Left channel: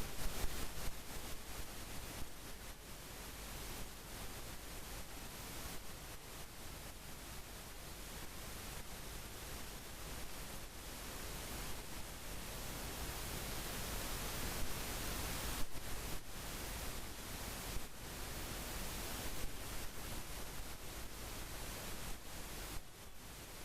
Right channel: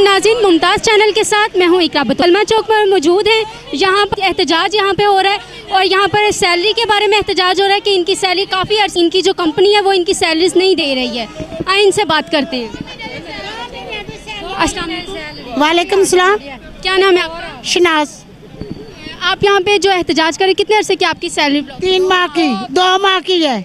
नाज़रीन, मुमताज़ चैनल के साथ मैं हूँ इकरा बतूल। अलमा चौक पर मौजूद हैं। यहाँ पर एहतजाज यहाँ पे हो रहा है और यहाँ पर सैलरी के बारे में एहतजाज हो रहा है कि इनकी सैलरी काफ़ी अर्से, इनकी जो कंपनी है वो इनकी सैलरीज नहीं दे रही है। आइए इनसे बात करते हैं। अस्सलाम वालेकुम सलाम। क्या नाम है आपका? शनाज। आप यहाँ पे जो एहतजाज करें, कितने अरसे की आपकी सैलरी? 3 माह की, 2 माह की है।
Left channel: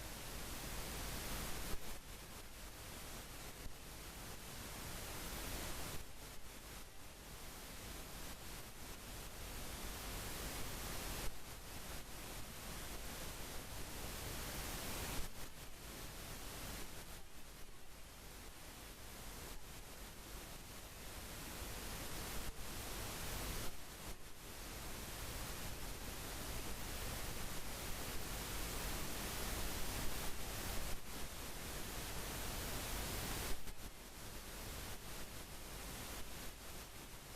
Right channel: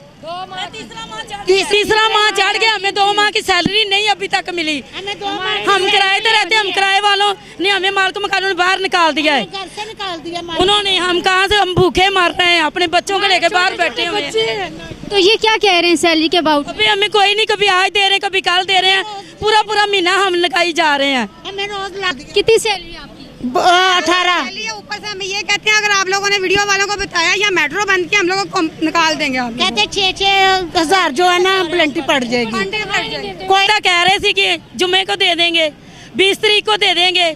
तीसरा माह चढ़ गया, हमें 2 माह की सैलरी नहीं अभी तक मिली। हम किराए पे रहते, हम किराए वालों ने हमें मालिक मकान ने बाहर निकाल दिया है। उन्होंने हम कहाँ से, हम भूखे मर रहे हैं, अपने बच्चों को लेकर बाहर बैठे हुए हैं। तो ये क्या कह रहे हैं सैलरी के अबाउट? अभी हमें कोई नहीं, कभी आज दे रहे हैं, कभी कल दे रहे हैं, पूरा महीना हम लगाई जा रहे हैं। कितनी सैलरी है आपकी? 18। ऊपर से हम ये कहते हैं, अगर आप लोगों ने वीडियो वालों को बताया या मेट्रो बंद किया, हम लोगों को निकाल देंगे। कहते 6-6 हजार जो है ना प्लेंटी पड़ जाएगी। कोई तो कह रहे थे कि जुम्मे को दे देंगे, 20 तारीख को दे देंगे।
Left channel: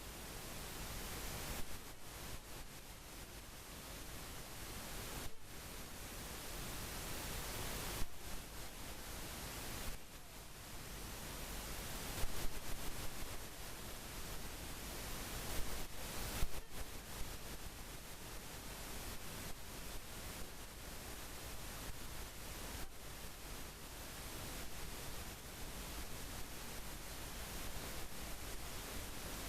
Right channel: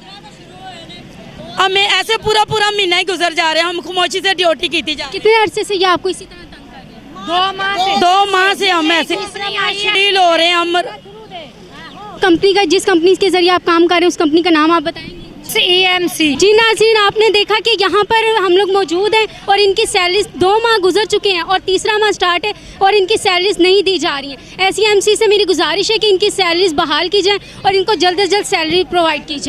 हमें ऐसे पूरा महीना ही गुजर जा रहे हैं। हम खामोशी से ड्यूटी की थी। कितने अरसे से ये आपको इसी तरह तंग कर रहे हैं? 2 माह से हम ऐसे डील हो रहे हैं। हम कंपनी का, जिस कंपनी के जरिए आप काम कर रहे हैं, उस कंपनी का नाम आप बताएंगे? EMC। जी नाज़रीन, आपने देखा कि यहाँ पर हम लोग मौजूद हैं और इनकी सैलरीज 2 माह गुजर चुके हैं और तीसरा माह स्टार्ट है और इनकी सैलरीज नहीं दी जा रही हैं। SEMC से मेरी गुजारिश है कि इनकी सैलरीज बहाल की जाए और इनको जल्द से जल्द सैलरी प्रोवाइड की जाए।